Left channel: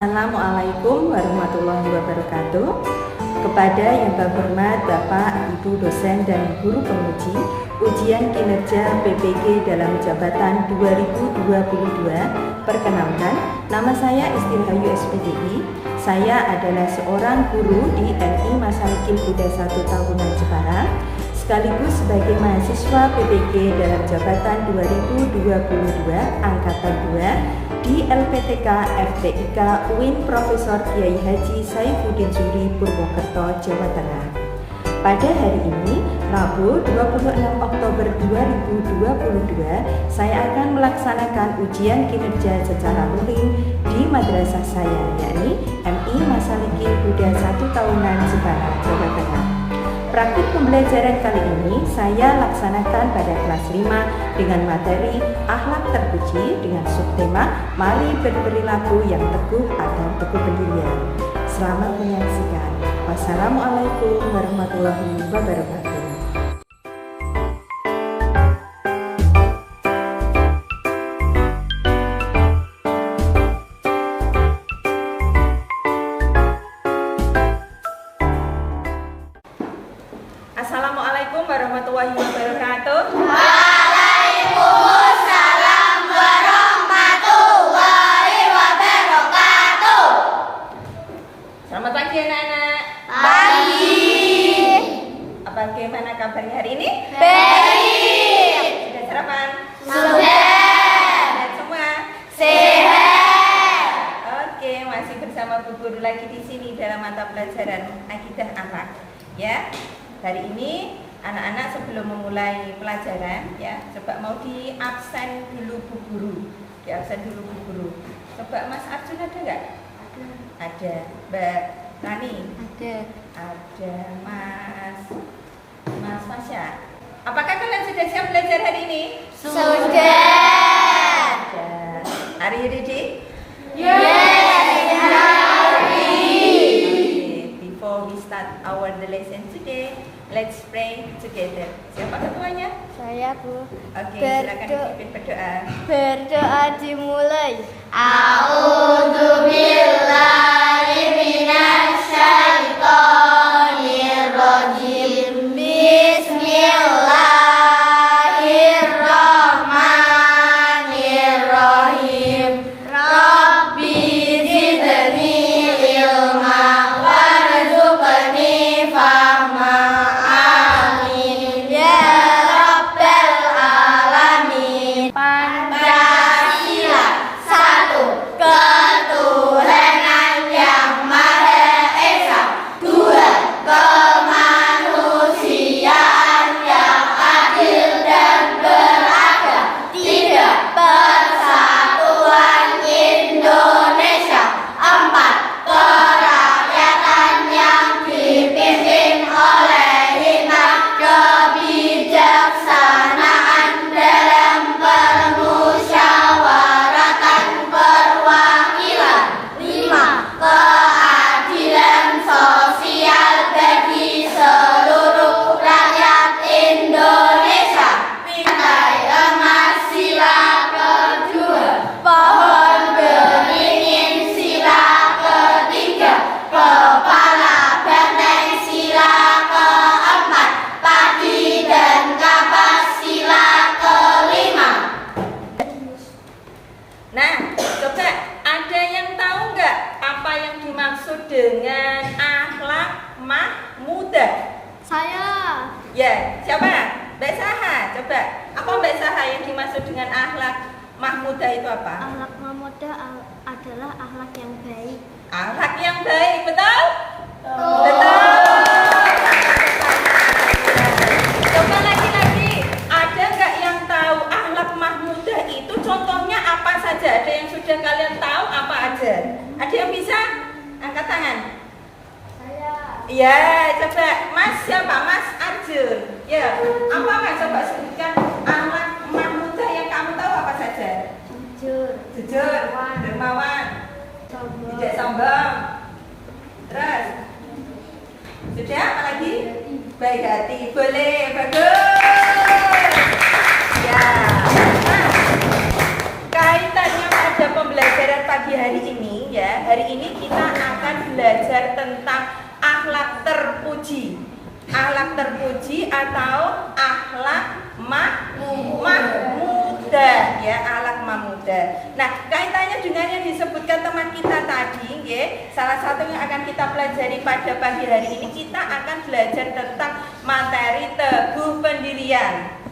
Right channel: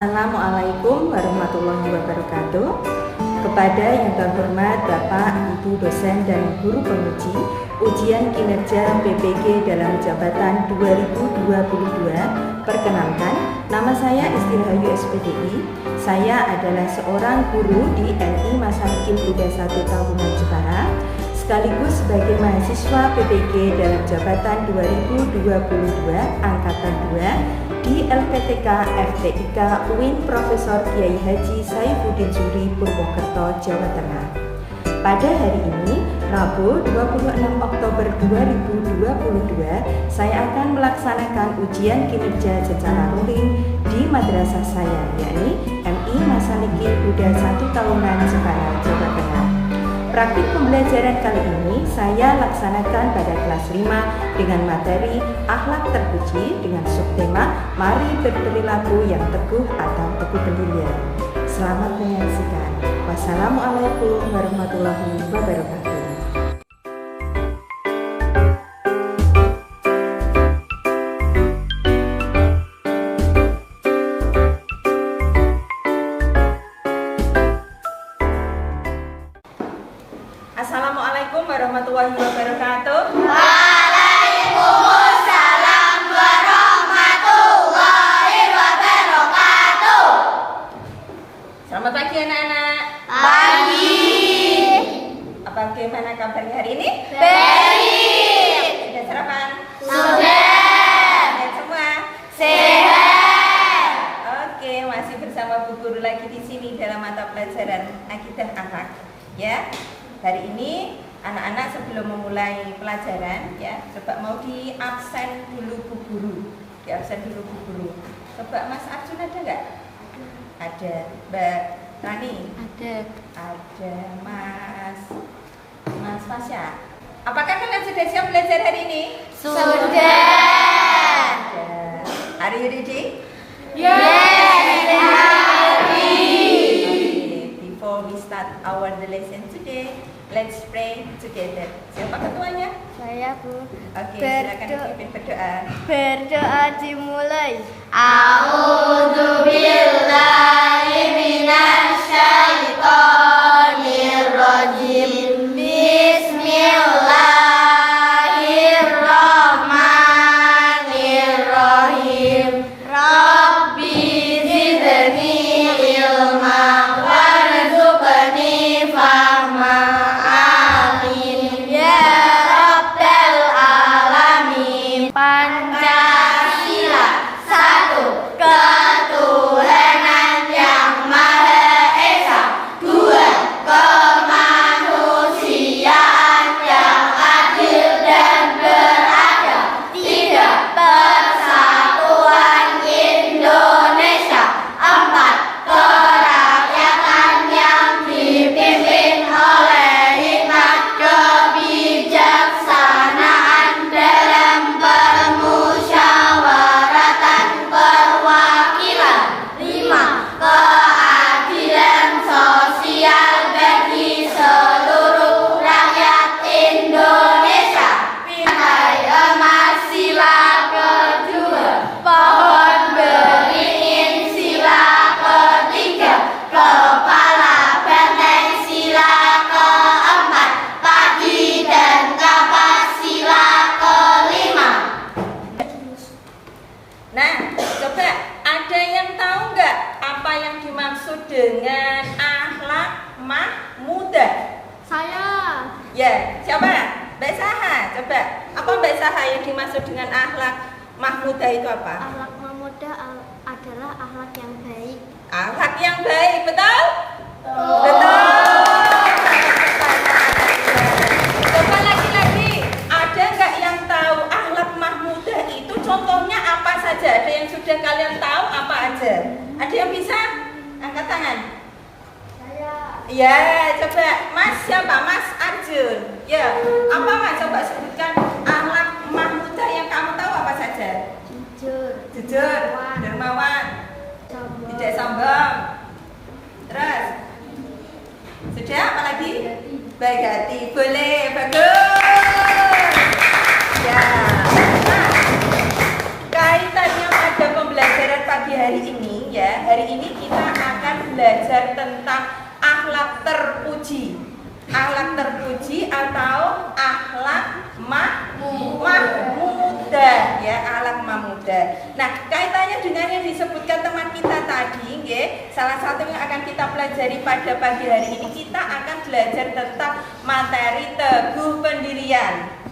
Assalamualaikum warahmatullahi wabarakatuh. Kepada yang terhormat Bapak, Ibu dosen dan guru penguji ujian kinerja PPG dalam jabatan 2022, perkenalkan, nama saya Isti Rahayu SPDI. Saya adalah seorang guru di NI Masalikil Buddha 1 Tahunan Jepara, sekaligus sebagai mahasiswa PPG dalam jabatan 2022 Angkatan 2 di LPTK FTIK UIN Profesor Kiai Haji Saifuddin Suri Purwokerto, Jawa Tengah. Pada hari ini, Rabu 26 Oktober 2022, saya akan melaksanakan ujian kinerja secara luring di madrasah saya, yakni MI Masalikil Buddha 1 Tahunan Jepara, Jawa Tengah. Praktik pembelajaran kali ini saya laksanakan pada kelas 5 dengan materi akhlak terpuji dengan subtema mari berperilaku yang teguh atau teguh pendirian. Selamat menyaksikan. Wassalamualaikum warahmatullahi wabarakatuh. Assalamualaikum warahmatullahi wabarakatuh. Waalaikumsalam warahmatullahi wabarakatuh. Selamat pagi anak-anak. Pagi. Bagaimana kabarnya hari ini? Baik. Sudah sarapan? Sudah. Sehat semua? Sehat. Oke, masih bersama Bu Guru lagi di sini dalam mata pelajaran Akidah Akhlak. Ya. Hari ini anak-anak sebelum memulai pelajaran ya, coba mau di absen dulu Bu Guru. Di absen dulu Bu Guru. Coba Mas Arjun ada nggak? Ada. Mbak Rani? Ada. Ada. Mas Fasya. Apakah kalian sudah siap belajar hari ini? Sudah. Sudah. Are you ready? Yes. Okay. Before we start our lesson today, let's pray together. Siapa ketuanya? Saya, Bu. Oke, silakan dipimpin berdoa. Berdoa dimulai. A'udzubillahi minasyaitonirrajim. Bismillahirrahmanirrahim. Rabbi zidni ilma warzuqni fahma. Amin ya rabbal alamin. Pancasila satu, ketuhanan yang maha esa. Dua, kemanusiaan yang adil dan beradab. Tiga, persatuan Indonesia. Empat, kerakyatan yang dipimpin oleh hikmat kebijaksanaan dalam permusyawaratan perwakilan. Lima, keadilan sosial bagi seluruh rakyat Indonesia. Pintai emas sila kedua, pohon beringin sila ketiga, kepala benteng sila keempat, padi dan kapas sila kelima. Nah, coba ada yang tahu nggak apa yang dimaksud dengan akhlak mahmudah? Saya. Ya, siapa? Mbak Saha, coba. Apa Mbak Saha yang dimaksud dengan akhlak mahmudah itu apa? Akhlak mahmudah adalah akhlak yang baik. Akhlak yang baik, betul? Betul. Coba lagi-lagi, ada nggak yang tahu akhlak mahmudah itu contohnya apa saja? Ada yang sudah kalian tahu apa aja? Ada yang bisa? Angkat tangan. Ya, coba Mas siapa? Mas Arjun. Ya, apa nggak coba sebutkan akhlak mahmudah yang kamu tahu apa saja? Jujur, dermawan, tidak sombong. Terus, sudah apa lagi? Baik hati, boleh, bagus. Ya, nah, kaitannya pada pembelajaran pagi hari ini ya, hari ini kita akan belajar tentang akhlak terpuji. Akhlak terpuji atau akhlak mahmudah ya, akhlak mahmudah. Nah, kaitannya dengan yang disebutkan teman kita tadi ya, salah satu yang akan kita pelajari pada pagi hari ini, kita akan belajar tentang materi teguh pendirian.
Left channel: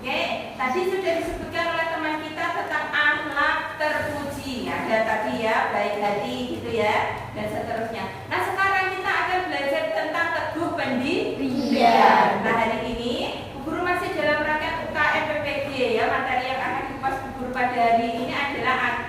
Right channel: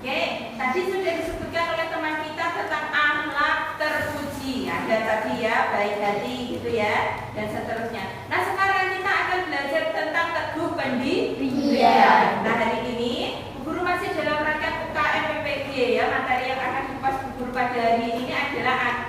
Oke, tadi sudah disebutkan oleh teman kita tentang akhlak terpuji. Ada tadi ya, baik hati gitu ya, dan seterusnya. Nah, sekarang kita akan belajar tentang teguh pendirian. Nah, hari ini guru masih dalam rangka UKM PPG ya. Materi yang akan dikupas guru pada hari ini adalah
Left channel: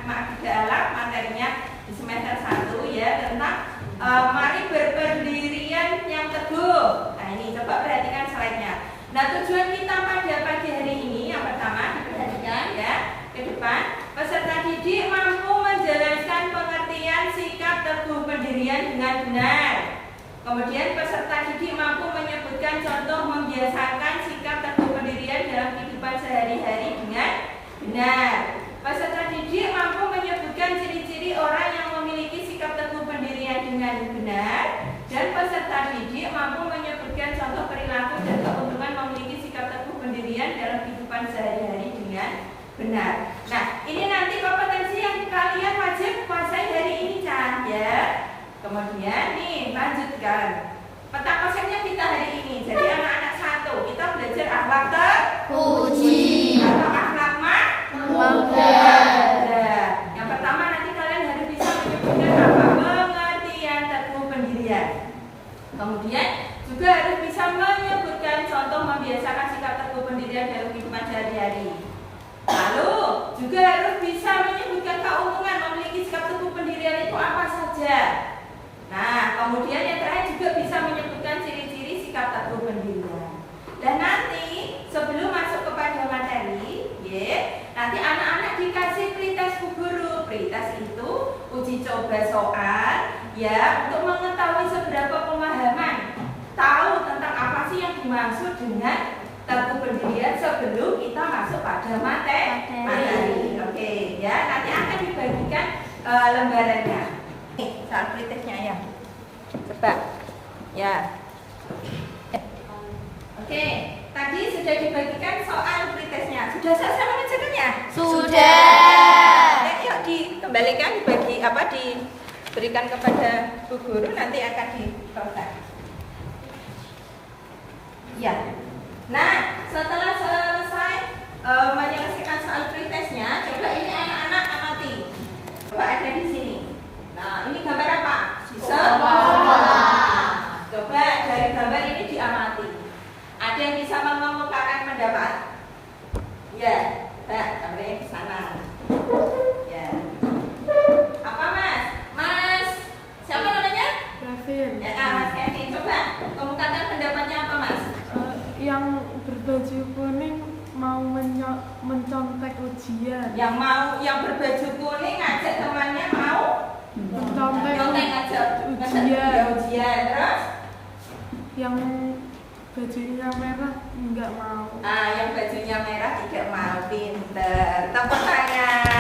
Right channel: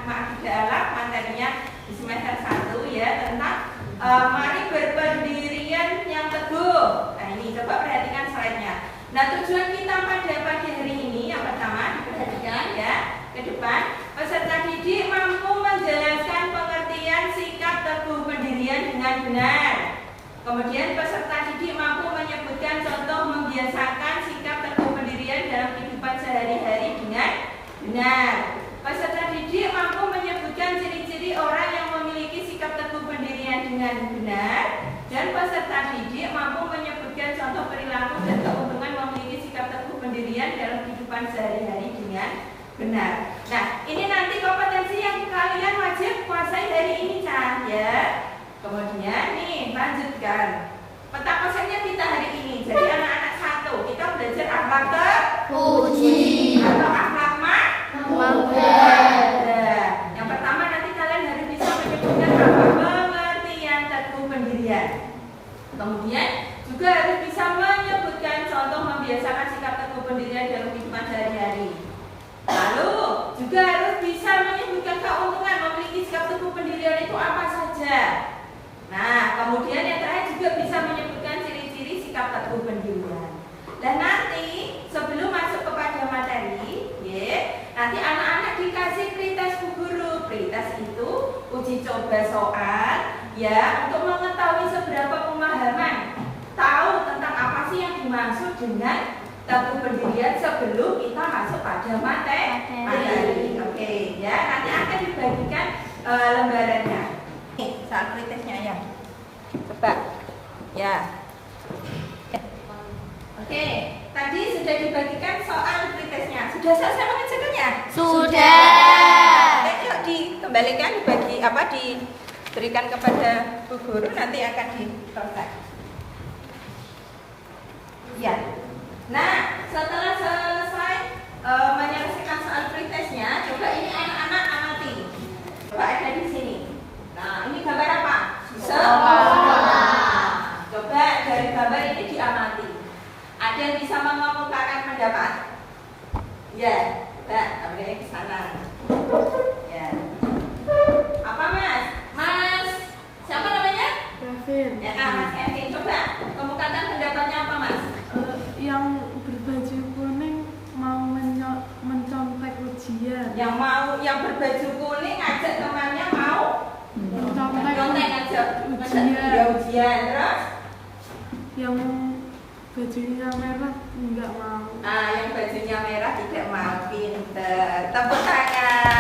materinya di semester 1 ya, tentang mari berpendirian yang teguh. Nah, ini coba perhatikan slide-nya. Nah, tujuan kita pada pagi hari ini yang pertama diperhatikan ya, ke depan, peserta didik mampu menjelaskan pengertian sikap teguh pendirian dengan benar. Kemudian peserta didik mampu menyebutkan contoh membiasakan sikap teguh pendirian dalam kehidupan sehari-hari dengan benar. Peserta didik mampu menyebutkan ciri-ciri orang yang memiliki sikap teguh pendirian dengan benar. Dan peserta didik mampu menyebutkan contoh perilaku dan keuntungan memiliki sikap teguh pendirian dalam kehidupan sehari-hari dengan benar. Nah, ini nanti kompetensi yang kalian wajib kuasai hari ini ya. Kemudian nih, lanjutkan. Peta kosennya kita hari ini. Jadi anak-anak 1, kita belajar akhlak terpuji atau akhlak mahmudah. Yang pertama nanti kalian harus bisa menyebutkan apa? Pengertian teguh pendirian. Kemudian juga harus bisa menyebutkan contoh membiasakan sikap teguh pendirian dalam kehidupan sehari-hari. Lalu juga harus bisa menyebutkan keuntungan memiliki sikap teguh pendirian itu apa saja. Nah, kemudian yang terakhir juga bisa menyebutkan ciri-ciri sikap teguh pendirian. Dan nanti sebelum masuk kepada materi, nanti anak-anak dikasih pretest Bu Guru. Pretest itu uji coba soal ya, untuk mengetahui seberapa pemahaman tahu tentang apa sih yang dimaksud dengan teguh pendirian sebelum kita masuk pada materi. Oke, ya, nanti akan dibagikan lembarannya. Soal pretestnya ya. Coba. Ya. Oke, tadi sudah dibagikan soal pretestnya. Sudah selesai mengerjakannya? Sudah. Yuk dikembalikan, diberikan kepada Bu Guru, nanti akan diselesaikan. Ya. Nah, setelah selesai menyelesaikan soal pretestnya, coba ini anak-anak amati. Coba ada di sini. Nah, ini gambar apa? Sekolah. Coba dari gambar ini diamati. Ada yang bisa mengemukakan pendapat? Ya, coba gambarnya ke sana. Ya. Apa Mas? Mas, siapa namanya? Kevin. Ya, Mas Kevin. Coba kemukakan pendapatnya apa Mas? Yang berbaju kuning mau mencontek ujian. Yang berbaju kuning ngajak temannya mau Mencontek ujian. Terus? Yang bajunya merah enggak mau. Nah, yang bajunya merah tidak mau. Pinter. Tepuk tangan.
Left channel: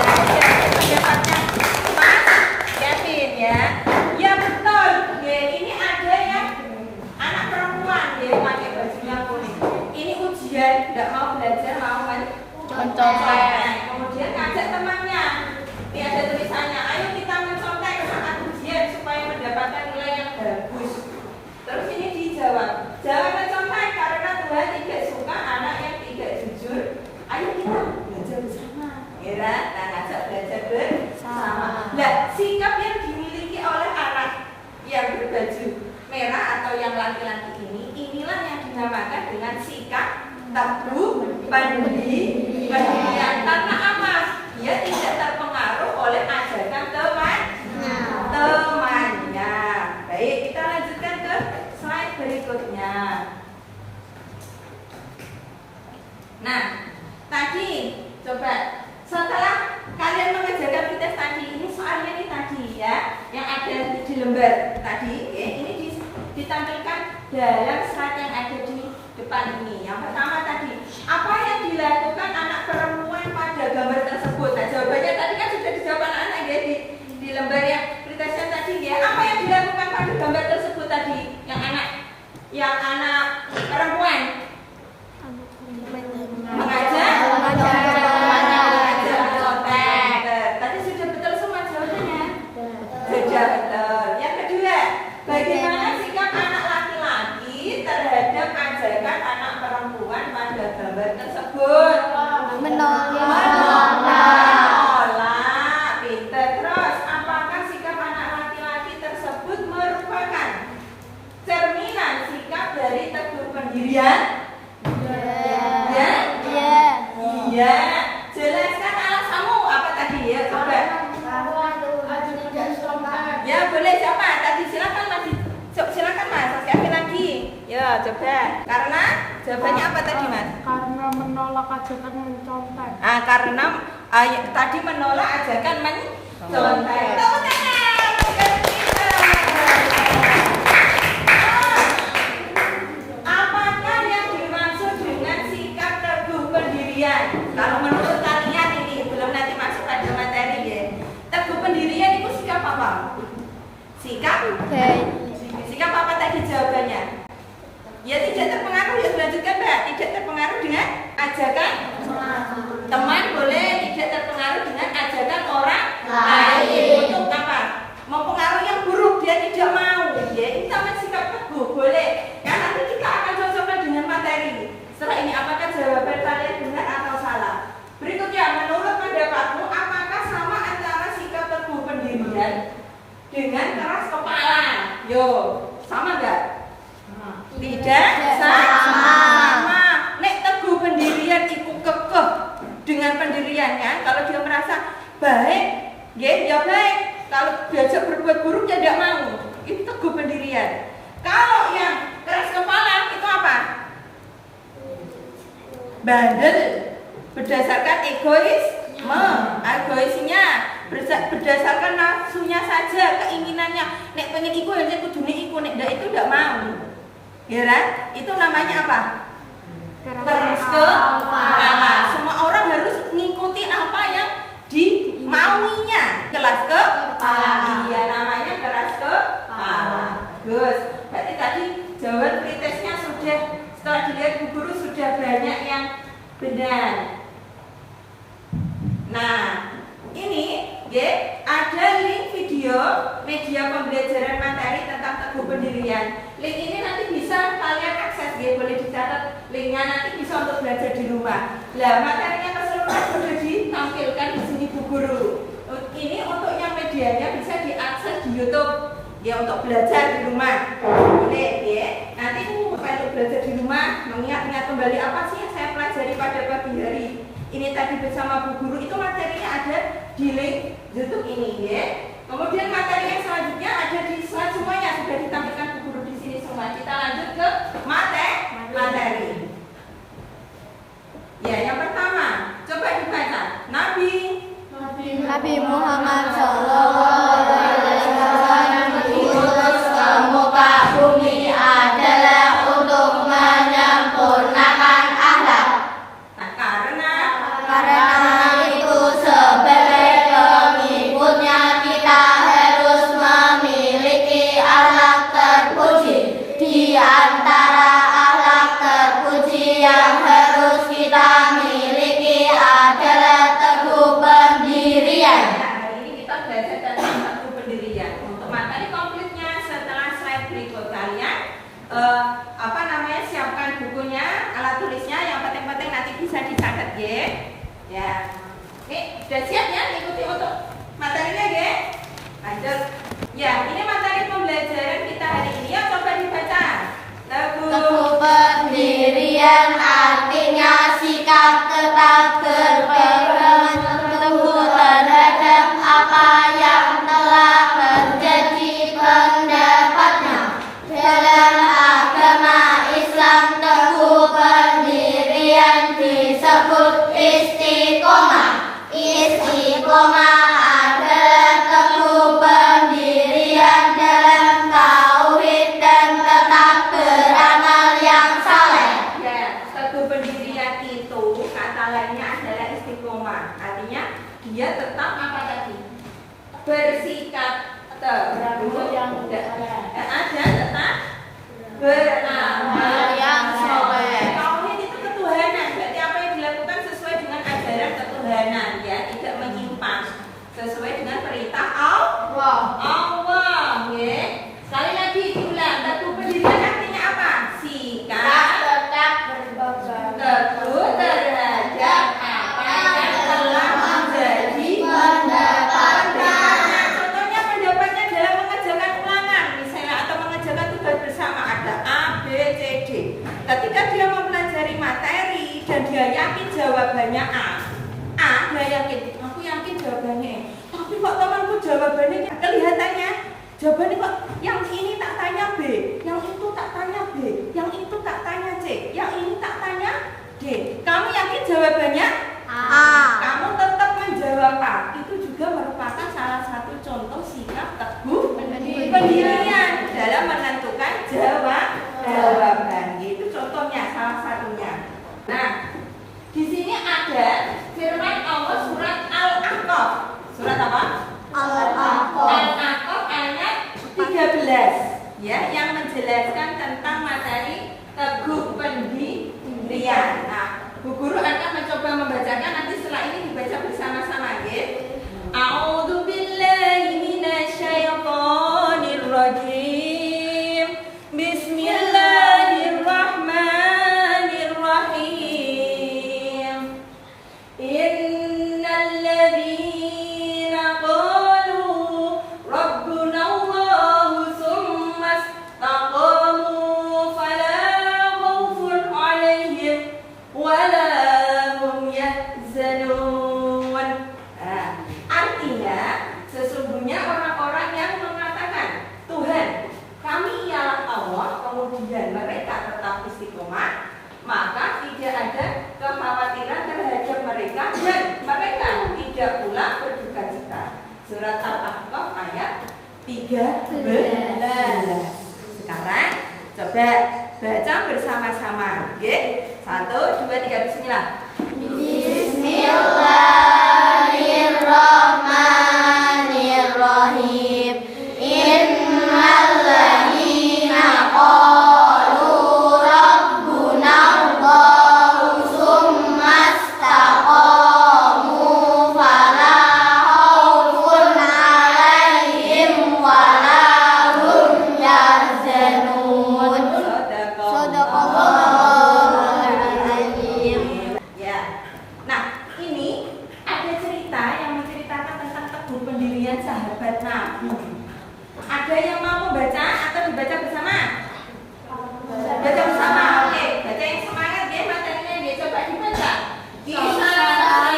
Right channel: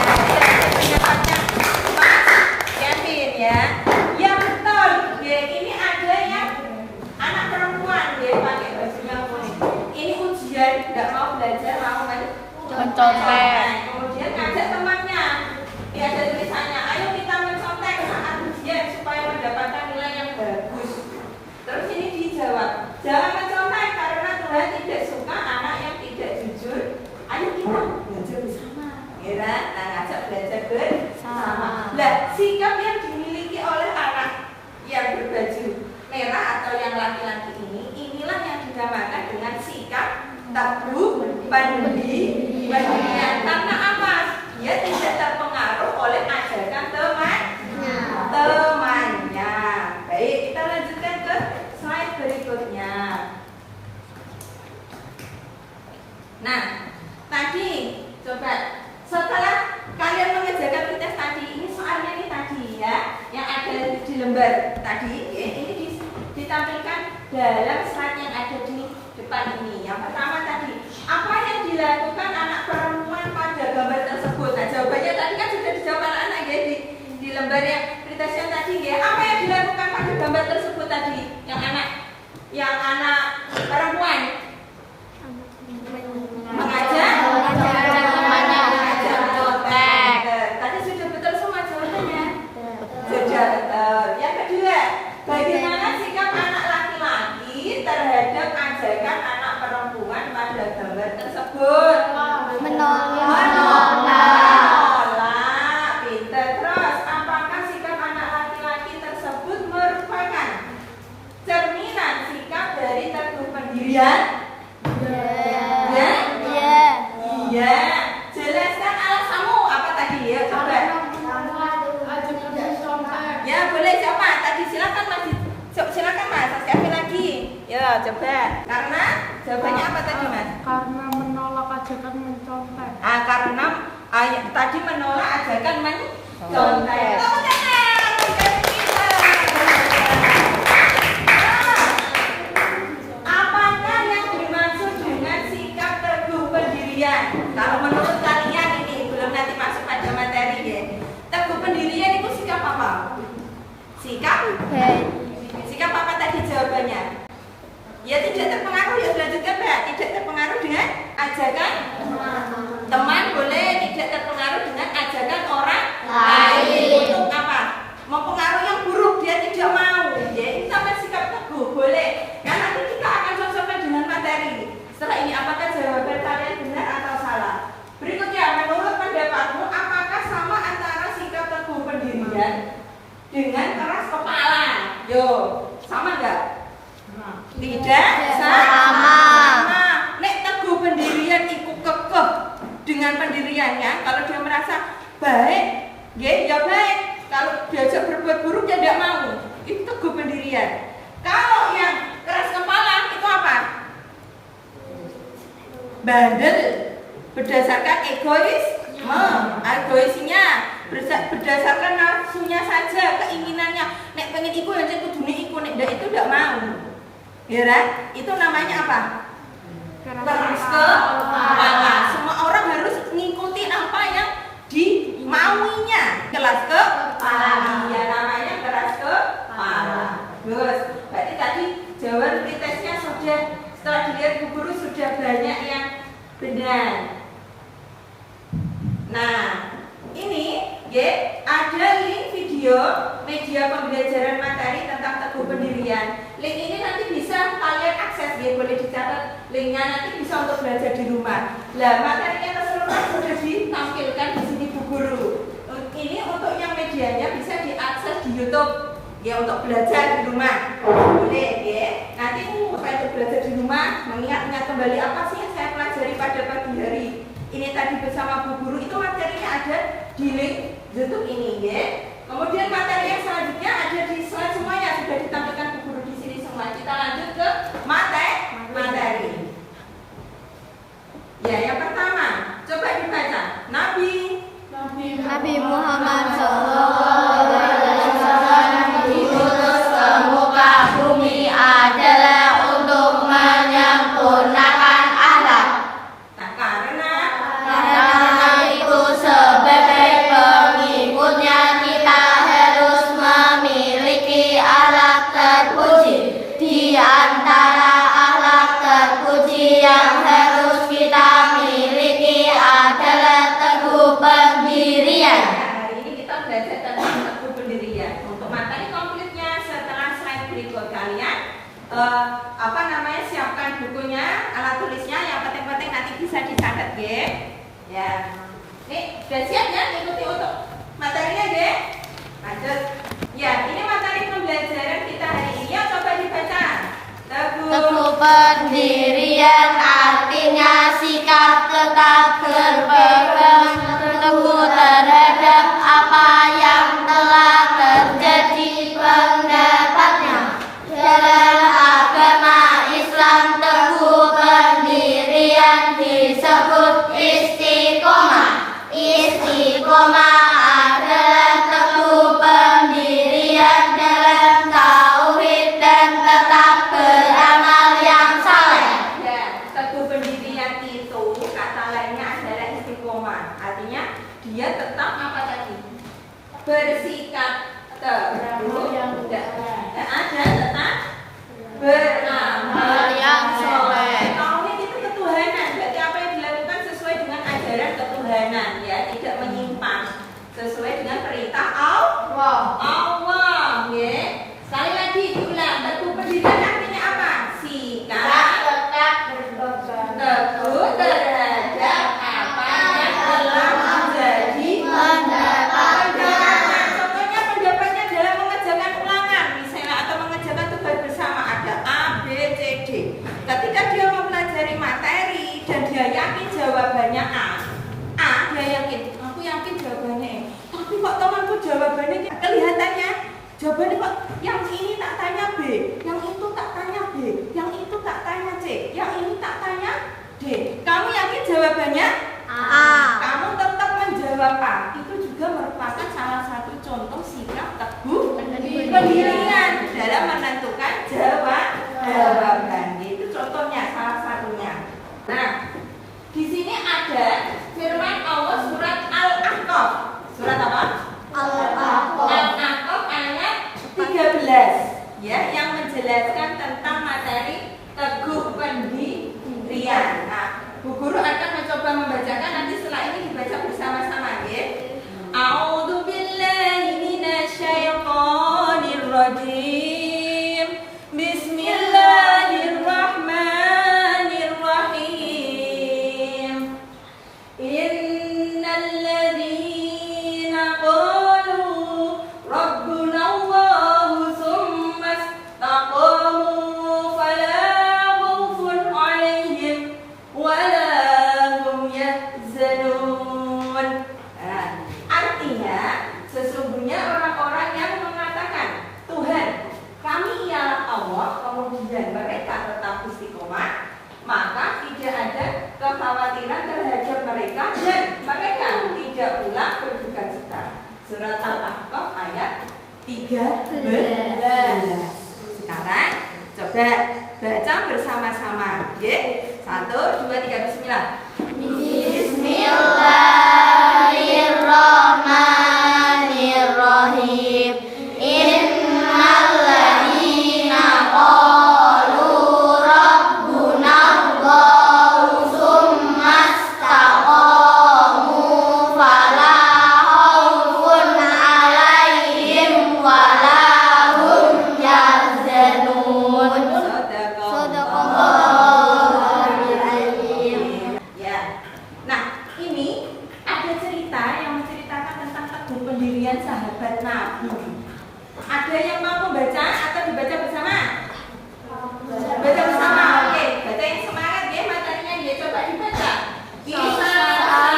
Ya, pendapatnya Mas Kevin ya. Ya betul. Ya, ini ada yang anak perempuan dia pakai bajunya kuning. Ini ujian, tidak mau belajar, mau mencontek. Kemudian ngajak temannya. Dia ada tulisannya, ayo kita mencontek saat ujian supaya mendapatkan nilai yang bagus. Terus ini dijawab, jangan mencontek karena Tuhan tidak suka anak yang tidak jujur. Ayo kita belajar bersama. Ya, nah, ngajak belajar bersama. Nah, sikap yang dimiliki oleh anak yang berbaju merah atau yang laki-laki ini, inilah yang dinamakan dengan sikap teguh pendirian. Karena apa? Dia tidak terpengaruh oleh ajakan temannya. Baik, kita lanjutkan ke slide berikutnya. Nah, tadi coba setelah kalian mengerjakan pretest tadi, ini soalnya ini tadi ya, yang ada di lembar tadi, ya, ini ditampilkan dalam slide yang ada di depan ini. Yang pertama tadi, apa yang dilakukan anak perempuan pada gambar tersebut? Nah, Yang anak perempuan mengajak contek. Tadi sudah betul semua jawabannya. Sudah betul. Yang kedua, bagaimana sikap anak laki-laki terhadap ajakan anak perempuan pada gambar tersebut? Menolak. Pinter. Terus, apakah sikap anak laki-laki tersebut merupakan cerminan sikap dari teguh pendirian? Iya. Jelaskan alasanmu apa tadi ya? Coba. Ya boleh siapa? Tadi silakan Mas. Silakan Mas. Sekali lagi. Ya coba. Karena jawabannya apa tadi Mas? Karena menolak ajakan mencontek. Karena tadi menolak ajakan mencontek. Apakah yang dimaksud dengan sikap teguh pendirian? Kalau menurut kalian ini belum nanti masuk pada materi ya. Teguh pendirian itu sikap apa? Sikap apa tadi jawabannya? Ya tidak terpengaruh, ya selanjutnya Mbak. Tidak terpengaruh dengan ajakan teman, boleh tidak terpengaruh dengan ajakan orang lain. Untuk apa? Mempengaruhi yang buruk, dia tidak mau. Ya, ini namanya sikap teguh, boleh. Nah, nanti kita akan cocokkan dengan materi. Setelah ini, apakah jawaban kalian benar atau salah? Berikutnya, menurut pendapatmu, apakah sama antara sikap teguh pendirian dengan keras kepala? Yo, sama enggak? Tidak sama. Nek teguh pendirian itu kekeh dengan pendiriannya. Kalau dia merasa baik, ya baik. Kalau diajak berbuat buruk ya tidak mau. Itu teguh pendirian. Kalau yang keras kepala itu apa? Bandel. Berdasarkan egoisnya, berdasarkan nafsunya saja, keinginannya. Nek pengen iku ya kudune iku, nek ndak itu ndak mau. Ya kan? Itu namanya apa? Keras kepala. Semua orang harus ngikuti apa yang dimauinya. Keras kepala. Ya namanya keras kepala. Bagus. Berarti tadi jawaban pretesnya sudah, setelah dilihat Bu Guru sudah banyak yang benar. Nah, ini ya, ada link video media pembelajaran materi tentang teguh pendirian. Link ini nanti bisa kalian akses, ya, boleh dicatat linknya, nanti bisa untuk belajar di rumah. Lah, materinya keseluruhan sudah ditampilkan di sini Bu Guru. Ini untuk yang medianya bisa diakses di YouTube, ya, untuk belajar di rumah. Boleh, ya. Nanti untuk belajar di rumah, mengingat kembali apa sih yang saya pelajari pada pagi hari ini tadi bersama Bu Guru, itu materinya ada di link YouTube ini, ya. Kemudian materi yang selanjutnya ada di slide semuanya, sudah ditampilkan Bu Guru di sini semua. Kita lanjut ke materi. Ya, yang pertama, coba dibaca. Nabi Muhammad SAW diutus ke muka bumi adalah untuk menyempurnakan akhlak. Karena itu sebagai pengikutnya kita harus memiliki akhlak terpuji. Di antara akhlak terpuji yang harus kita miliki adalah teguh pendirian. Hari ini kita belajar tentang teguh pendirian. Untuk materi komplitnya setelah slide berikut kalian siapkan bukunya, alat tulisnya, yang penting-penting nanti bisa dicatat, ya. Nih, sudah siap ya ikuti untuk materinya, Lanjut. Ya, ini materi pembelajaran kita hari ini. Ya, coba dibaca. Teguh pendirian artinya sikap tetap berpegang teguh terhadap apa yang telah terjadi pendapatnya. Dalam agama Islam, teguh pendirian disebut istiqomah. Istiqomah adalah teguh pendirian dalam tauhid dan tetap beramal yang saleh. Ya, teguh pendirian itu kata lainnya adalah istiqomah. Artinya dia tetap apa tadi? Bersikap teguh dan tetap beramal sesuai dengan perintah Allah. Nggih. Sekali lagi diulang, teguh pendirian artinya apa? Sikap teguh terhadap apa yang telah menjadi pendapatnya. Contohnya pendapatnya dalam mengerjakan ulangan misalnya atau mengerjakan tugas bersama ada A, B, C, D. Ketika dia mempelajari materi dan dia yakin jawabannya A, dia yakin, aku yakin jawabannya E. Tapi kok temanku jawabannya kelihatannya jawabannya kok yang ini tak tanya B, yang itu tak tanya B, yang itu tak tanya C, yang ini tak tanya D. Kamu yakin jawabannya A? Kamu tetap menjawab A. Itu juga merupakan salah satu contoh sikap teguh pendirian dalam menentukan jawaban. Itu contohnya, salah satunya. Nah, di sini ada firman Allah surat Al-Ahqaf. Surat apa? Al-Ahqaf ayat 13 ya, yang menjelaskan tentang materi teguh pendirian. Nah, Bu Guru akan mencoba membacakan, nanti setelah ini dibaca bersama-sama ya. A'udzu billahi minasyaitonir rajim. Bismillahirrahmanirrahim. Innal ladzina qalu rabbuna Allahu tsumma istaqamu fala khaufun 'alaihim wala hum yahzanun. Artinya sesungguhnya orang-orang yang mengatakan Tuhan kami ialah Allah, kemudian mereka tetap istiqomah, maka tidak ada kekhawatiran terhadap mereka dan mereka tidak pula berduka cita. Surat Al-Ahqaf ayat 13. Sekarang coba baca bersama-sama. Oke? 1, 2, 3, bismillah. Bismillahirrahmanirrahim. Innalladzina qalu rabbuna Allahu tsumma istaqamu fala khaufun 'alaihim wala hum yahzanun. Shadaqallahul azim. Ya. Nah, ini ada cerita yang menceritakan tentang teguh pendirian sahabat Nabi. Ada yang mau membaca atau dibaca bersama? Baca bersama. Oke, baca yang semangat ya materinya dia, coba dibaca.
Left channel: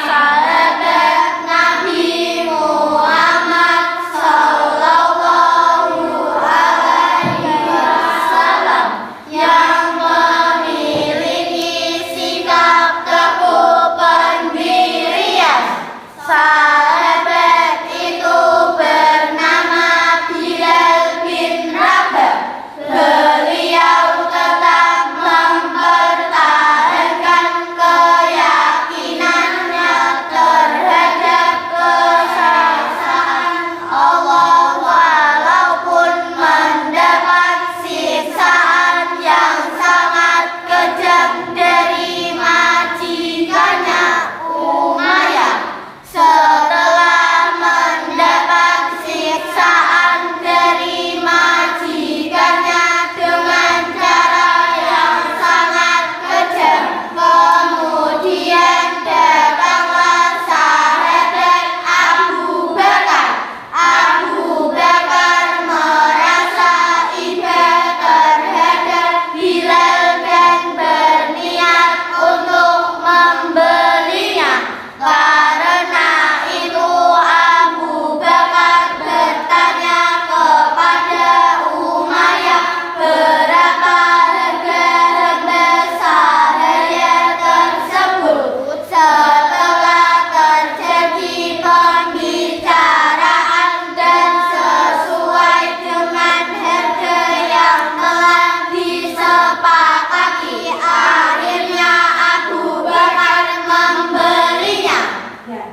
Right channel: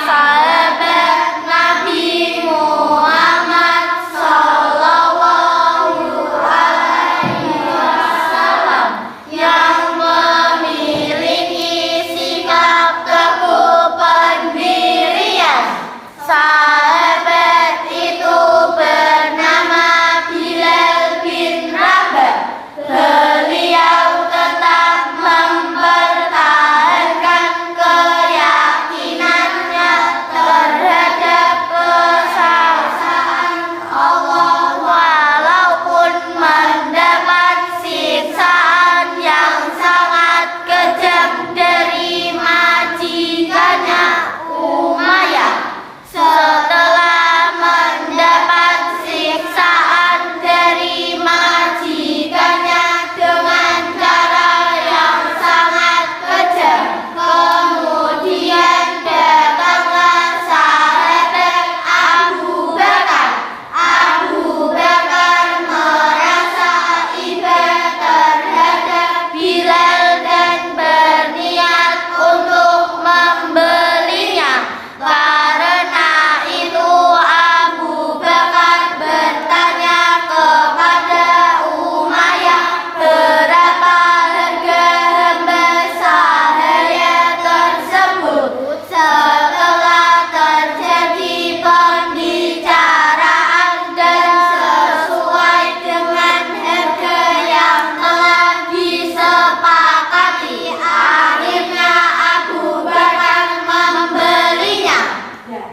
Sahabat Nabi Muhammad sallallahu alaihi wasallam yang memiliki sikap teguh pendirian. Sahabat itu bernama Bilal bin Rabah. Beliau tetap mempertahankan keyakinannya terhadap keesaan Allah walaupun mendapat siksaan yang sangat kejam dari majikannya Umayyah. Setelah mendapat siksaan dari majikannya dengan cara yang sangat kejam, kemudian datanglah sahabat Abu Bakar. Abu Bakar merasa iba terhadap Bilal dan berniat untuk membelinya. Karena itu Abu Bakar bertanya kepada Umayyah berapa harga hamba sahaya tersebut. Setelah terjadi pembicaraan dan sesuai dengan harga yang telah disepakati, akhirnya Abu Bakar membelinya. Ya,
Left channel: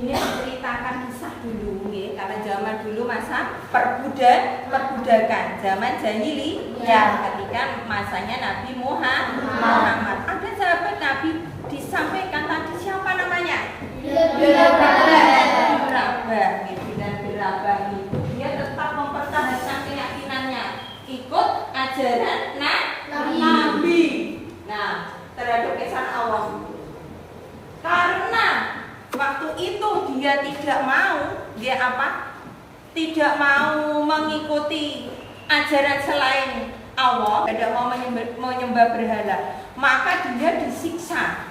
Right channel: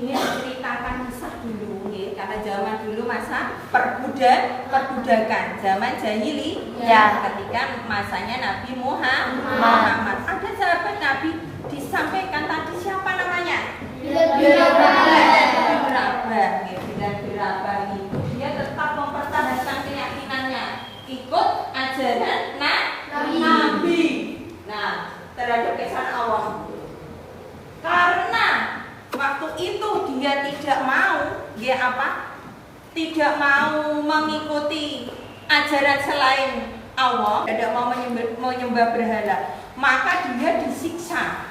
ini menceritakan kisah dulu ya, karena zaman dulu masa perbudakan, zaman jahiliyah ketika masanya Nabi Muhammad. Ada sahabat Nabi disampaikan tadi siapa namanya? Bilal bin Rabah. ajaran Nabi. Nah, terhadap kesan Allah. Karena waktu itu dia tidak mau, dia apa? Tidak mau mengikuti ajaran selain Allah, tidak mau menyembah berhala, maka dia disiksa.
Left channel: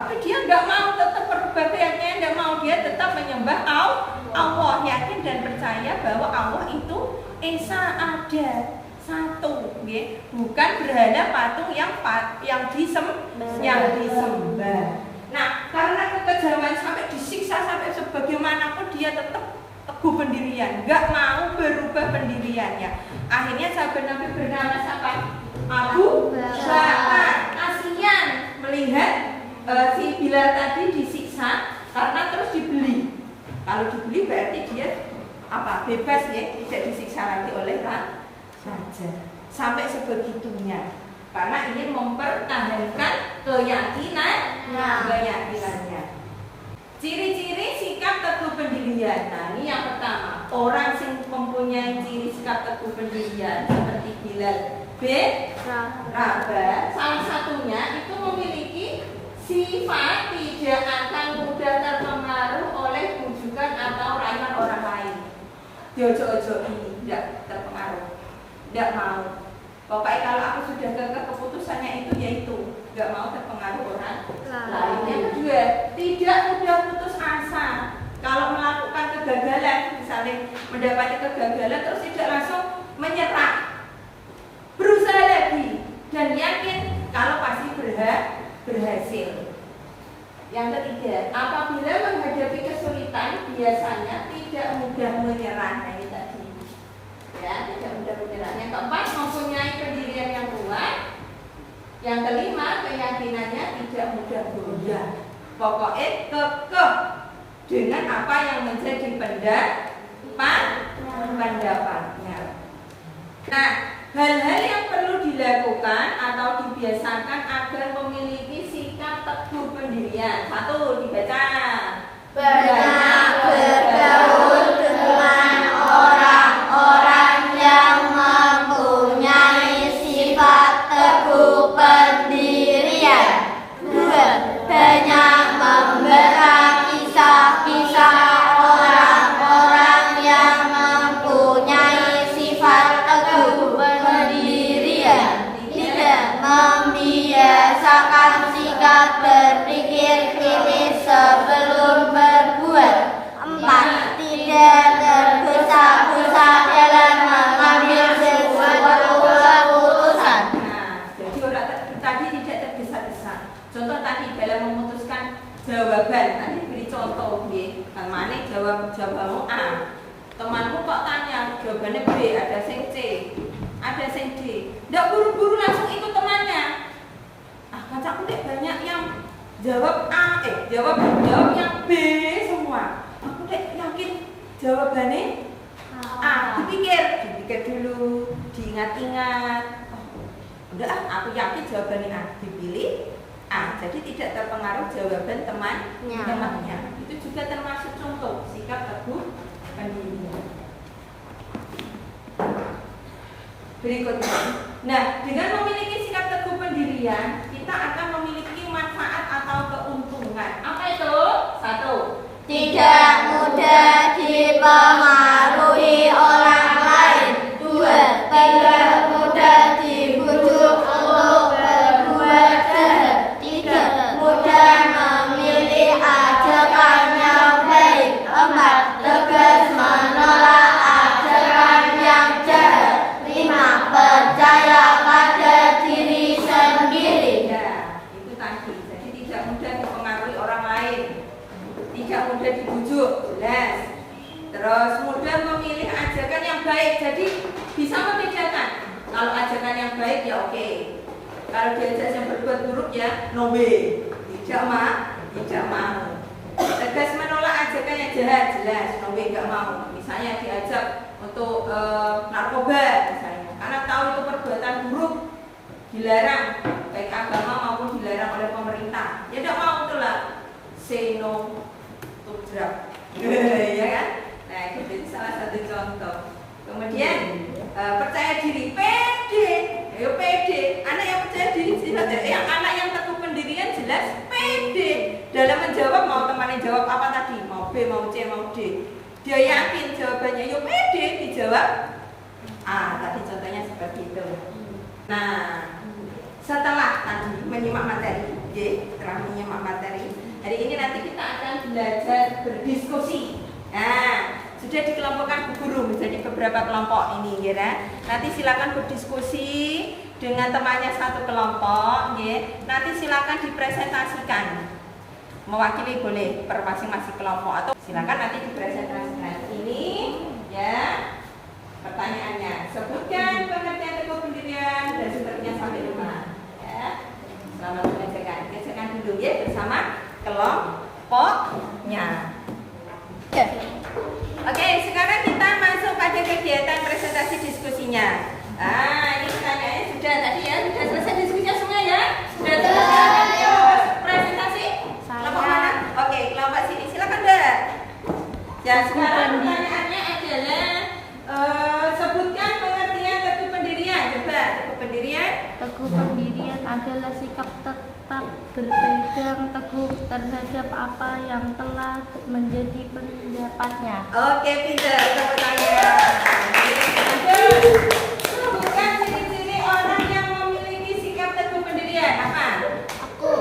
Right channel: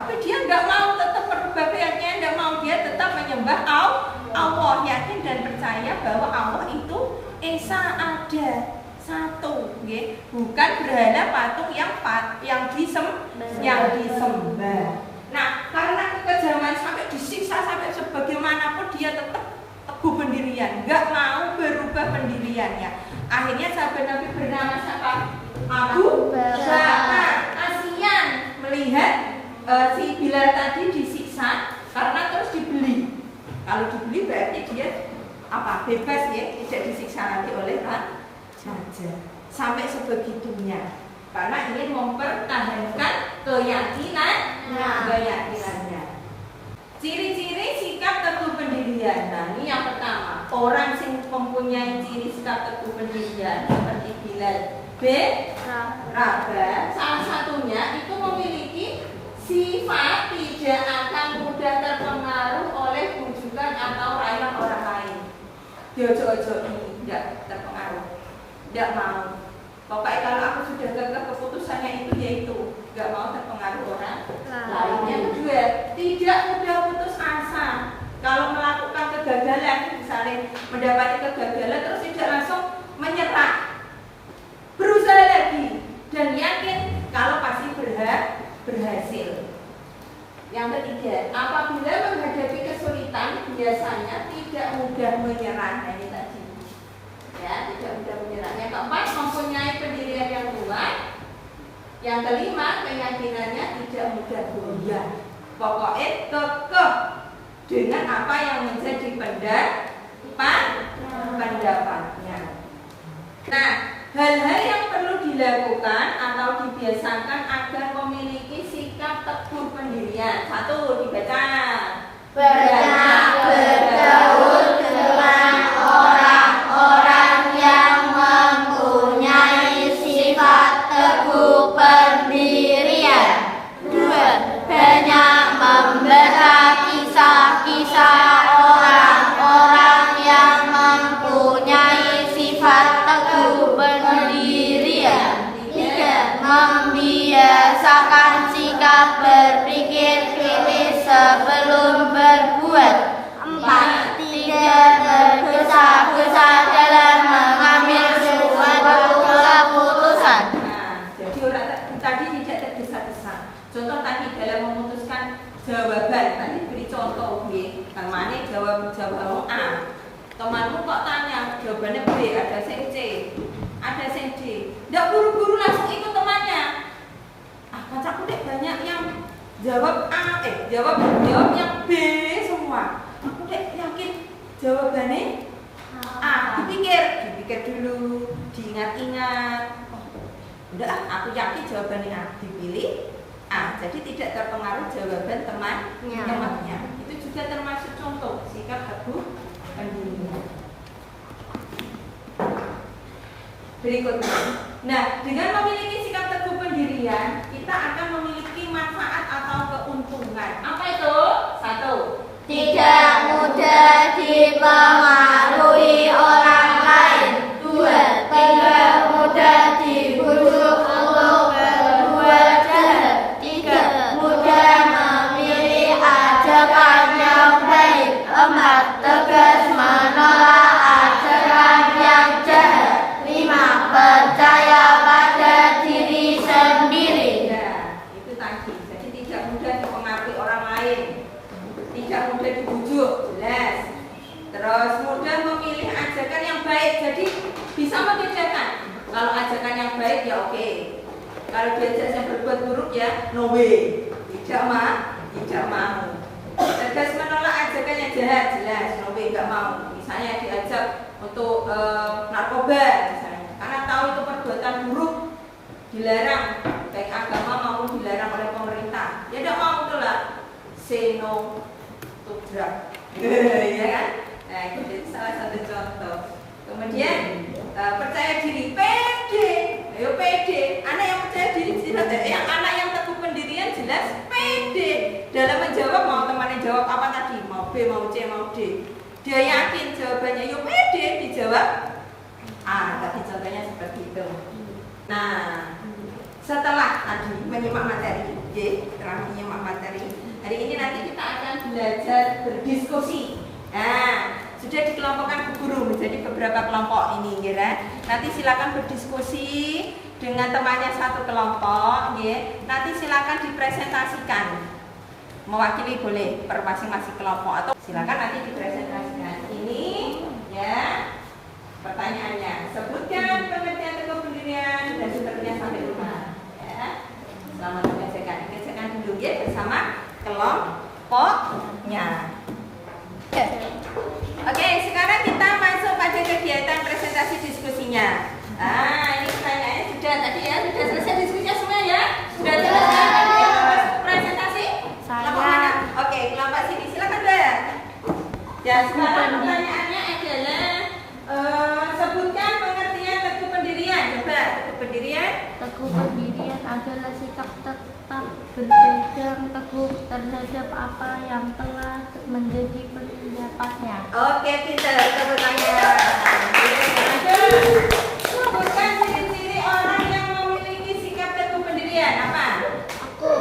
Tapi dia nggak mau, tetap berbahagianya nggak mau, dia tetap menyembah Allah, yakin dan percaya bahwa Allah itu esa ada satu, bukan berhala patung yang disembah. Nah, karena kekejaman sampai disiksa sampai sebagaimanapun dia tetap teguh pendirian, nggak mau berubah pendiriannya. Akhirnya sahabat Nabi bernama siapa? Abu Bakar. Kasihan melihat si Bilal tadi disiksa karena terus dibeli. Kalau dibeli berarti dia apa? Bebas ya, tidak disiksa lagi oleh raja. Sampai sebegitunya. Karena ingin mempertahankan keyakinannya. Ciri-ciri sikap teguh pendirian. Nah, ini yang pertama. Orang yang mempunyai ciri sikap teguh pendirian seperti Bilal bin Rabah, salah satunya itu memiliki sifat tidak akan mudah terpengaruh oleh bujukan atau rayuan orang lain. Ojo-ojo ini tidak terpengaruh, tidak mau. Pokoknya kalau aku sudah gagal keputusannya itu yaitu nggak mau terpengaruh orang lain. Yang kedua, tidak mudah putus asa. Kalau melakukan kegagalan, misalnya mendapati kegagalan terus tidak langsung menyerah, berusaha lagi dan yakin kalau pasti berhasil. Yang ketiga, apabila menghadapi kesulitan biasanya tidak mudah menyerah. Nah, ini tadi ya, tidak mudah menyerah. Yang keempat, mempunyai pendirian yang kuat. Yang kelima, keyakinannya tidak mudah goyah. Pokoknya kekeh dengan apa yang menjadi pendapatnya. Nah, hal-hal yang perlu dilakukan atau dibiasakan agar memiliki sikap teguh pendirian. 1, dibaca. Banyak bergaul dengan orang-orang yang mempunyai sifat teguh pendirian. 2, banyak membaca kisah-kisah orang-orang yang mempunyai sifat teguh pendirian. 3, membiasakan sikap berpikir kritis sebelum berbuat. 4, tidak tergesa-gesa dalam mengambil sesuatu keputusan. Nah, jadi orang tadi tidak tergesa-gesa. Contoh tadi dalam memutuskan jawaban, tadi beri contoh B. Mana jawabanmu A. Temanmu kok tanya jawabannya B, ada yang C, ada yang D. Tidak buru-buru langsung ikut temannya. Kancaku dek banyak yang jawab A, jawab yang B semua. Aku dek yakin jawabannya A. Dipikir dulu, diingat-ingat. Oh, udah aku yakin jawabannya A. Dipilih A. Jadi tidak terpengaruh jawaban temannya. Itu juga termasuk contoh sikap teguh pendirian. Berikutnya. Nah, dengan memiliki sikap teguh pendirian, kita akan memiliki manfaat atau keuntungan. Apa itu? 1, Tidak mudah dipengaruhi orang lain. 2, tidak mudah dibujuk untuk berbuat jahat. 3, mudah memilih ajakan yang baik. 4, tegas menolak ajakan yang jahat. 5, percaya pada diri sendiri. Ya, itu tadi. Jadi tidak mudah dipengaruhi orang lain, tidak mudah dibujuk, jelas. Terus mudah memilih ajakan yang baik. Jadi bisa membedakan. Kalau ajakan yang baik ya oke. Kalau diajak yang berbuat buruk ya no way. Tidak mau. Tegas menolak ajakan yang jahat, jelas no way, tidak mau. Misalnya diajak untuk narkoba misalnya, karena tahu itu perbuatan buruk, dilarang baik agama maupun dilarang oleh pemerintah, ya tidak mau, itulah say no to drug. Ya kan? Nah, itu salah satu contoh. Kemudian percaya diri, pede. Ayo pede. Anak yang percaya diri jelas, anak yang teguh pendirian jelas pede. Dalam menjawab mau temannya jawab apa tadi? Mau B, mau C, mau D. Dia yakin jawabannya, yo pede dijawab. Tadi contohnya seperti itu. Nah, setelah tadi menyimak materi, setelah menyimak materi, hari ini nanti kita akan belajar berdiskusi. Nah, sudah dikelompokkan Bu Guru menjadi beberapa kelompok ini, ya. Nanti silakan berdiskusi dengan temannya satu kelompok, ya. Nanti silakan dipresentasikan. Mewakili boleh per masing-masing kelompok atau silakan nanti dipresentasikan. Ini, ya. Pertanyaannya, sebutkan pengertian teguh pendirian dan seterusnya sampai rumah. Ya. Selamat mengerjakan dulu ya bersama kelompoknya. Oke, sekarang kita masuk pada kegiatan presentasi diskusinya. Ini pertanyaannya sudah tadi ya, sudah selesai diskusinya semua ya? Sudah selesai presentasi? Kelompok mana? Oke, kelompok sini. Silakan deh. Ya, sekarang pertanyaannya adalah sebutkan pengertian teguh pendirian. Coba, teguh pendirian. Teguh pendirian adalah sikap tetap berpegang teguh terhadap apa yang telah menjadi pendapatnya. Oke, pintar. Tepuk tangan. Sebutkan ciri-ciri orang yang memiliki sikap teguh pendirian. Apa? Aku.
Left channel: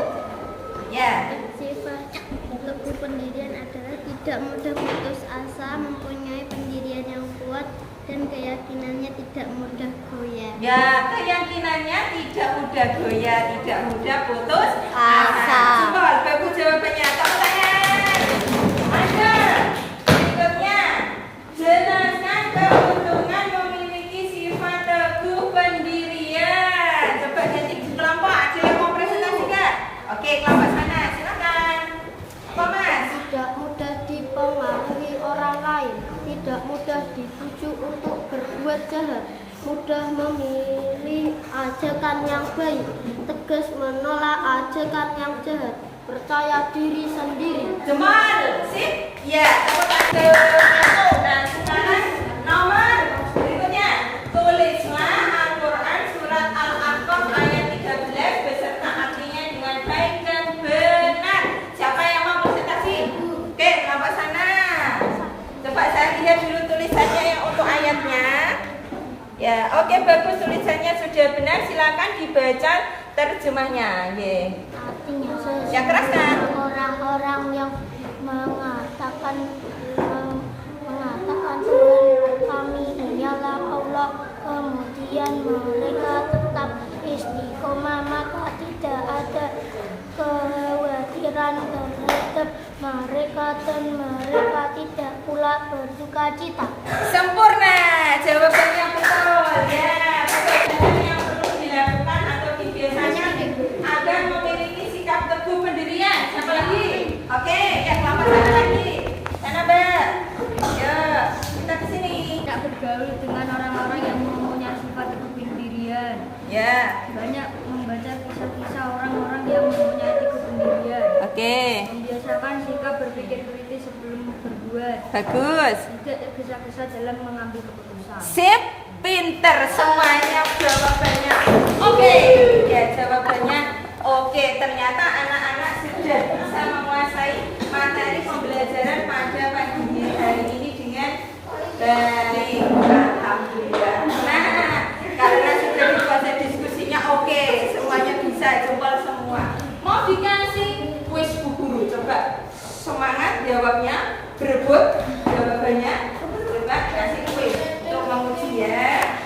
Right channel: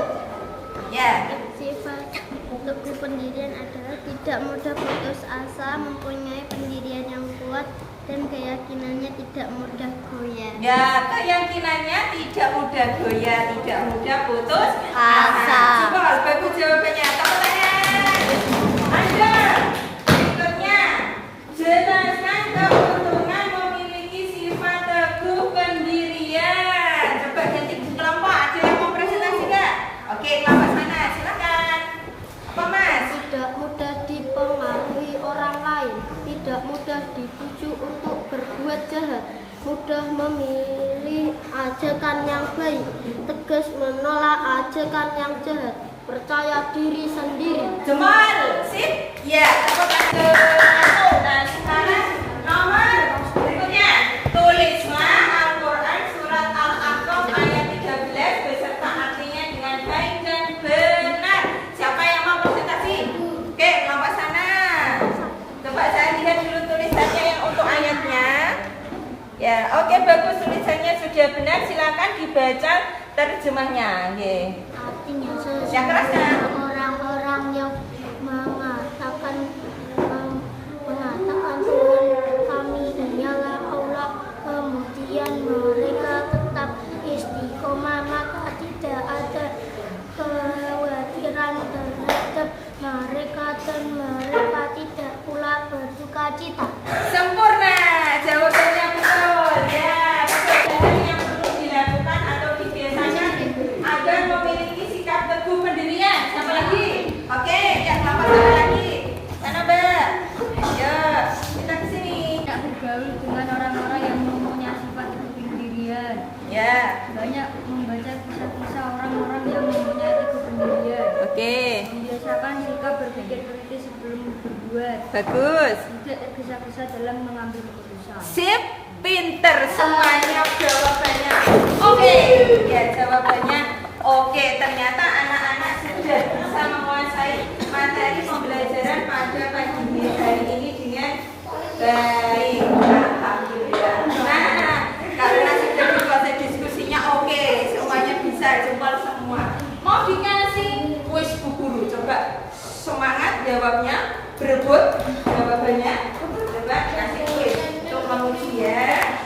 Ya. Sifat teguh pendirian adalah tidak mudah putus asa, mempunyai pendirian yang kuat, dan keyakinannya tidak mudah goyah. Ya, keyakinannya tidak mudah goyah, tidak mudah putus asa. Coba bagus jawabannya. Tepuk tangan. Lanjut. Berikutnya, jelaskan keuntungan memiliki sifat teguh pendirian. Coba ganti kelompok. Ada yang mau presentasi nggak? Oke, kelompok sana. Silakan. Mas. Tidak mudah dipengaruhi orang lain, tidak mudah dibujuk untuk berbuat jahat, mudah memilih ajakan yang baik, tegas menolak ajakan yang jahat, percaya diri sendiri. Jemal, sip? Ya, satu. Dan sekarang nomor berikutnya. Tulislah Al-Quran surat Al-Ahqaf ayat 13 beserta artinya dengan baik dan benar. Siapa yang mau presentasi? Oke, kelompok sana. Coba saya lihat dulu tulisannya yang untuk ayatnya. Ya, oke, bagus, tulisannya sudah benar. Silakan dibaca terjemahnya. Artinya Yang keras kan? orang-orang yang mengatakan Tuhan kami hanyalah Allah, kemudian mereka tetap istiqomah, maka tidak ada kekhawatiran terhadap mereka dan mereka tidak pula berduka cita. Sempurna, jawabannya betul. Ya, pekerjaan yang perlu dilakukan atau dibiasakan agar memiliki sikap teguh pendirian. Siapa lagi? Oke, yang kelompok sana lagi. Sana, Mbak. Ya, kita ke sini. Tidak bergaul dengan orang-orang yang mempunyai sifat teguh pendirian. Ya. Banyak membaca kisah-kisah orang-orang yang mempunyai teguh pendirian. Oke. Membiasakan sikap berpikir kritis sebelum berbuat. Bagus. Tidak tergesa-gesa dalam mengambil keputusan. Sip, pinter semuanya jawabannya. Oke, ya jawabannya. Oke, ternyata anak-anak sudah bisa menguasai materi pembelajaran pada pagi hari ini dengan baik. Alhamdulillah. Nah, karena sudah dikuasai diskusinya, oke, semuanya bisa, jempol semua. Mau dikasih kuis Bu Guru, coba semangat jawabnya, berebut jawabannya. Coba kasih kuis untuk menguji ya.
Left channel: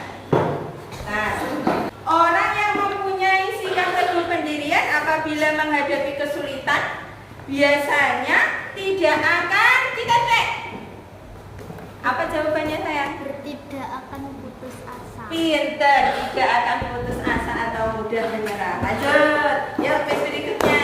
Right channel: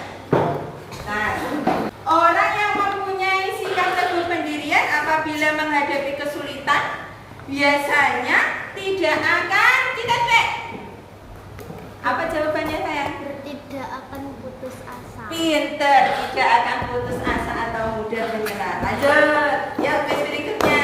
Nah, orang yang mempunyai sikap teguh pendirian apabila menghadapi kesulitan biasanya tidak akan cek. Apa jawabannya sayang? Tidak akan putus asa. Pinter, tidak akan putus asa atau mudah menyerah. Lanjut, ya kuis berikutnya.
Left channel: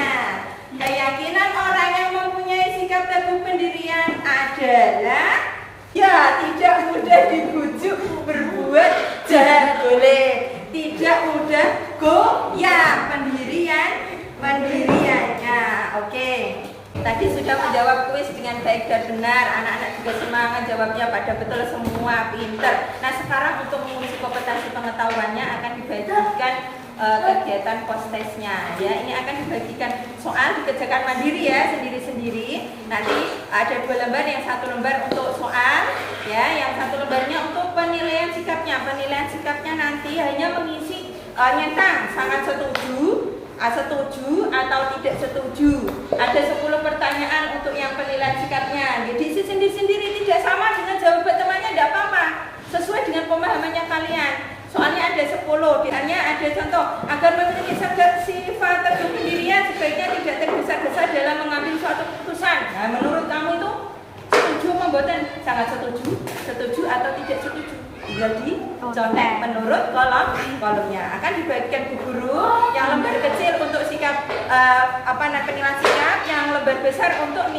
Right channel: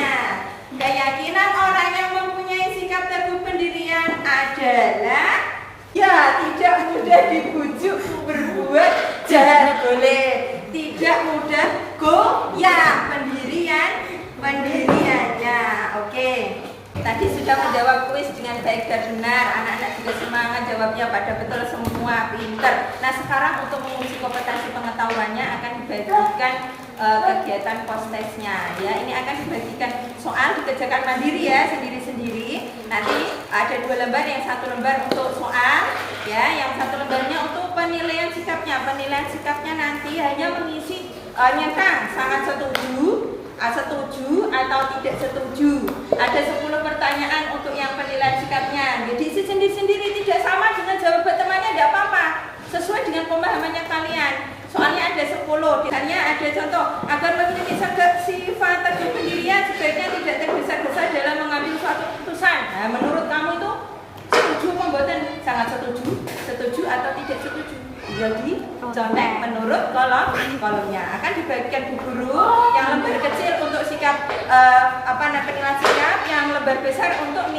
Keyakinan orang yang mempunyai sikap teguh pendirian adalah ya tidak mudah dibujuk berbuat jahat boleh, tidak mudah goyah pendiriannya. Oke. Tadi sudah menjawab kuis dengan baik dan benar. Anak-anak juga semangat jawabnya pada betul semua, pinter. Nah sekarang untuk menguji kompetensi pengetahuannya akan dibagikan kegiatan post-testnya ya. Ini akan dibagikan soal dikerjakan mandiri ya, sendiri-sendiri. Nanti ada 2 lembar, yang 1 lembar untuk soal ya, yang 1 lembarnya untuk penilaian sikapnya. Penilaian sikapnya nanti hanya mengisi nyentang sangat setuju atau tidak setuju. Ada 10 pertanyaan untuk yang penilaian sikapnya. Jadi isi sendiri-sendiri, tidak sama dengan jawaban temannya, tidak apa-apa. Sesuai dengan pemahamannya kalian. Soalnya ada 10, misalnya ada contoh, agar memiliki sifat teguh pendirian sebaiknya tidak tergesa-gesa dalam mengambil suatu keputusan. Nah, menurut kamu itu setuju membuatkan sangat setuju atau tidak setuju? Tinggal dicontek menurut kolomnya. Akan dibagikan bu guru yang lembar kecil untuk sikap penilaian sikap, yang lembar besar untuk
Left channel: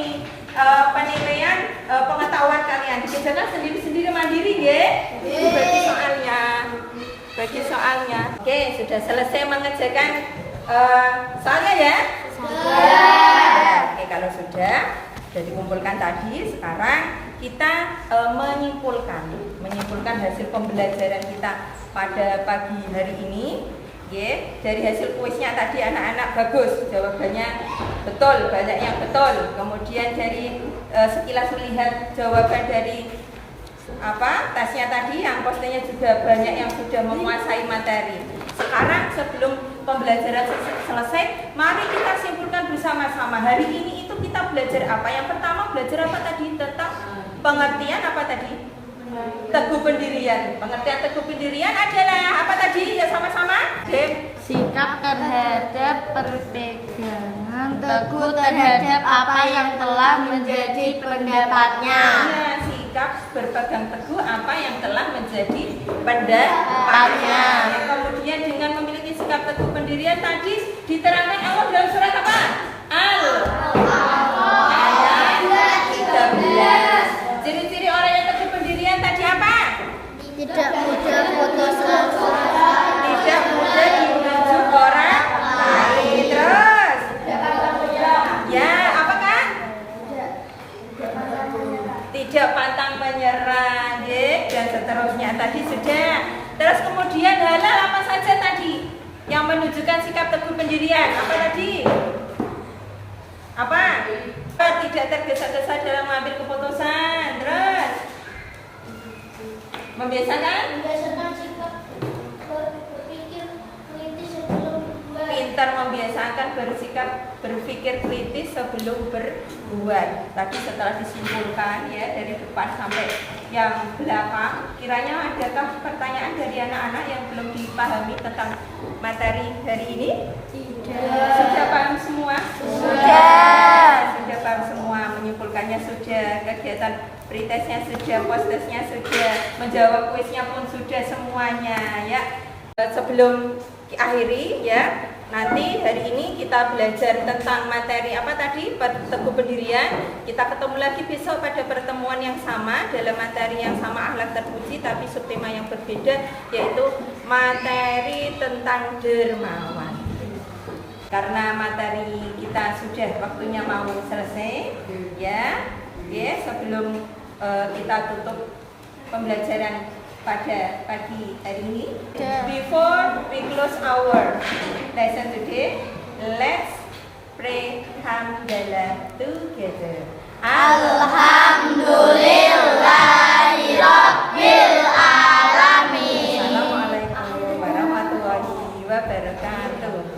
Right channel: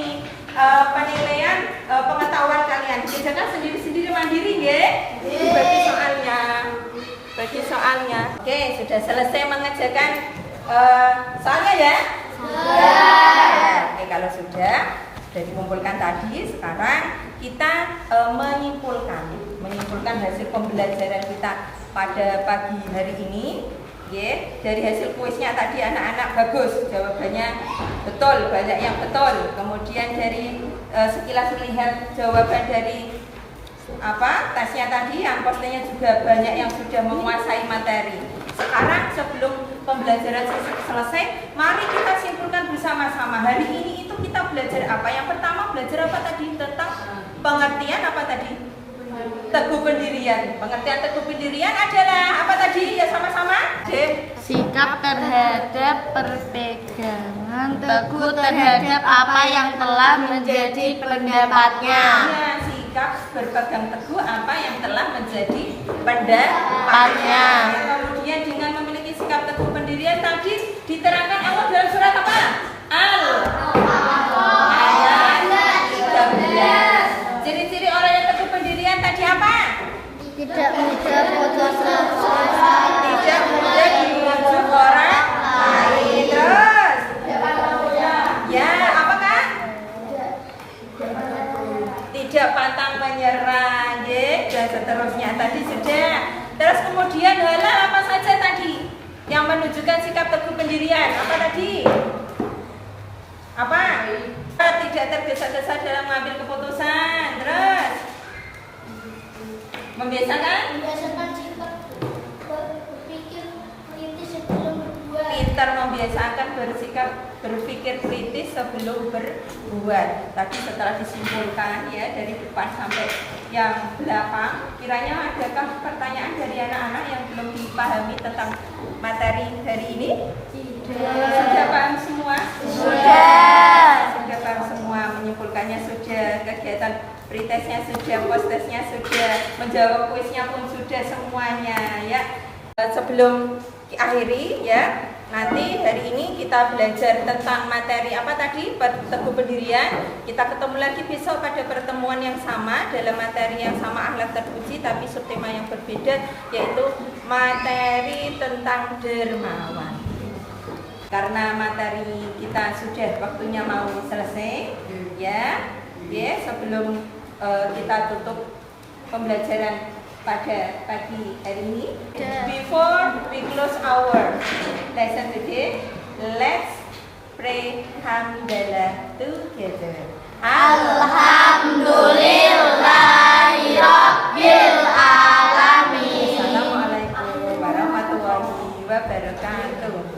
penilaian pengetahuan kalian. Dikerjakan sendiri-sendiri mandiri ya. Ini bagi soalnya. Oke, sudah selesai mengerjakan soalnya ya? Oke, kalau sudah dikumpulkan tadi, sekarang kita menyimpulkan hasil pembelajaran kita pada pagi hari ini. Dari hasil kuisnya tadi anak-anak bagus, jawabannya betul, banyak yang betul. Kemudian dari sekilas melihat jawaban dari tesnya tadi, yang posnya juga banyak yang sudah menguasai materi. Sekarang sebelum pembelajaran selesai, mari kita simpulkan bersama-sama. Hari ini itu kita belajar apa? Yang pertama belajar apa tadi? Tentang pengertian apa tadi? Teguh pendirian. Pengertian teguh pendirian adalah apa tadi? Ya sama-sama. Sikap terhadap perpegangan teguh terhadap apa yang telah menjadi pendapatnya. Ya, sikap berpegang teguh apa yang telah menjadi pendapatnya. Ya, kemudian dengan memiliki sikap teguh pendirian tadi diterangkan Allah dalam surat apa? Ayat 13. Ciri-ciri orang yang teguh pendirian tadi apa? Tidak mudah dibujuk orang lain. Terus ya, apakah? Tidak pantang menyerah, dan seterusnya tadi sudah. Terus kemudian halal apa saja tadi yang menunjukkan sikap teguh pendirian? Apa tadi? Apa? Tidak tergesa-gesa dalam mengambil keputusan. Terus membiasakan pintar, membiasakan berpikir kritis sebelum berbuat. Tadi setelah disimpulkan ya dari depan sampai yang belakang, kiranya adakah pertanyaan dari anak-anak yang belum dipahami tentang materi hari ini? Sudah paham semua? Sudah paham semua, menyimpulkannya sudah, kegiatan pretestnya sudah, post-testnya sudah, menjawab kuisnya pun sudah semuanya ya. Sebelum diakhiri ya, nanti hari ini kita belajar tentang materi apa tadi? Teguh pendirian. Kita ketemu lagi besok pada pertemuan yang sama dalam materi yang sama, akhlak terpuji, tapi subtema yang berbeda, yaitu materi tentang dermawan. Karena materi kita sudah waktunya mau selesai ya. Sebelum kita tutup pembelajaran pada pagi hari ini, before we close our lesson today, let's pray hamdalah together. Alhamdulillahirabbil alamin. Assalamualaikum warahmatullahi wabarakatuh.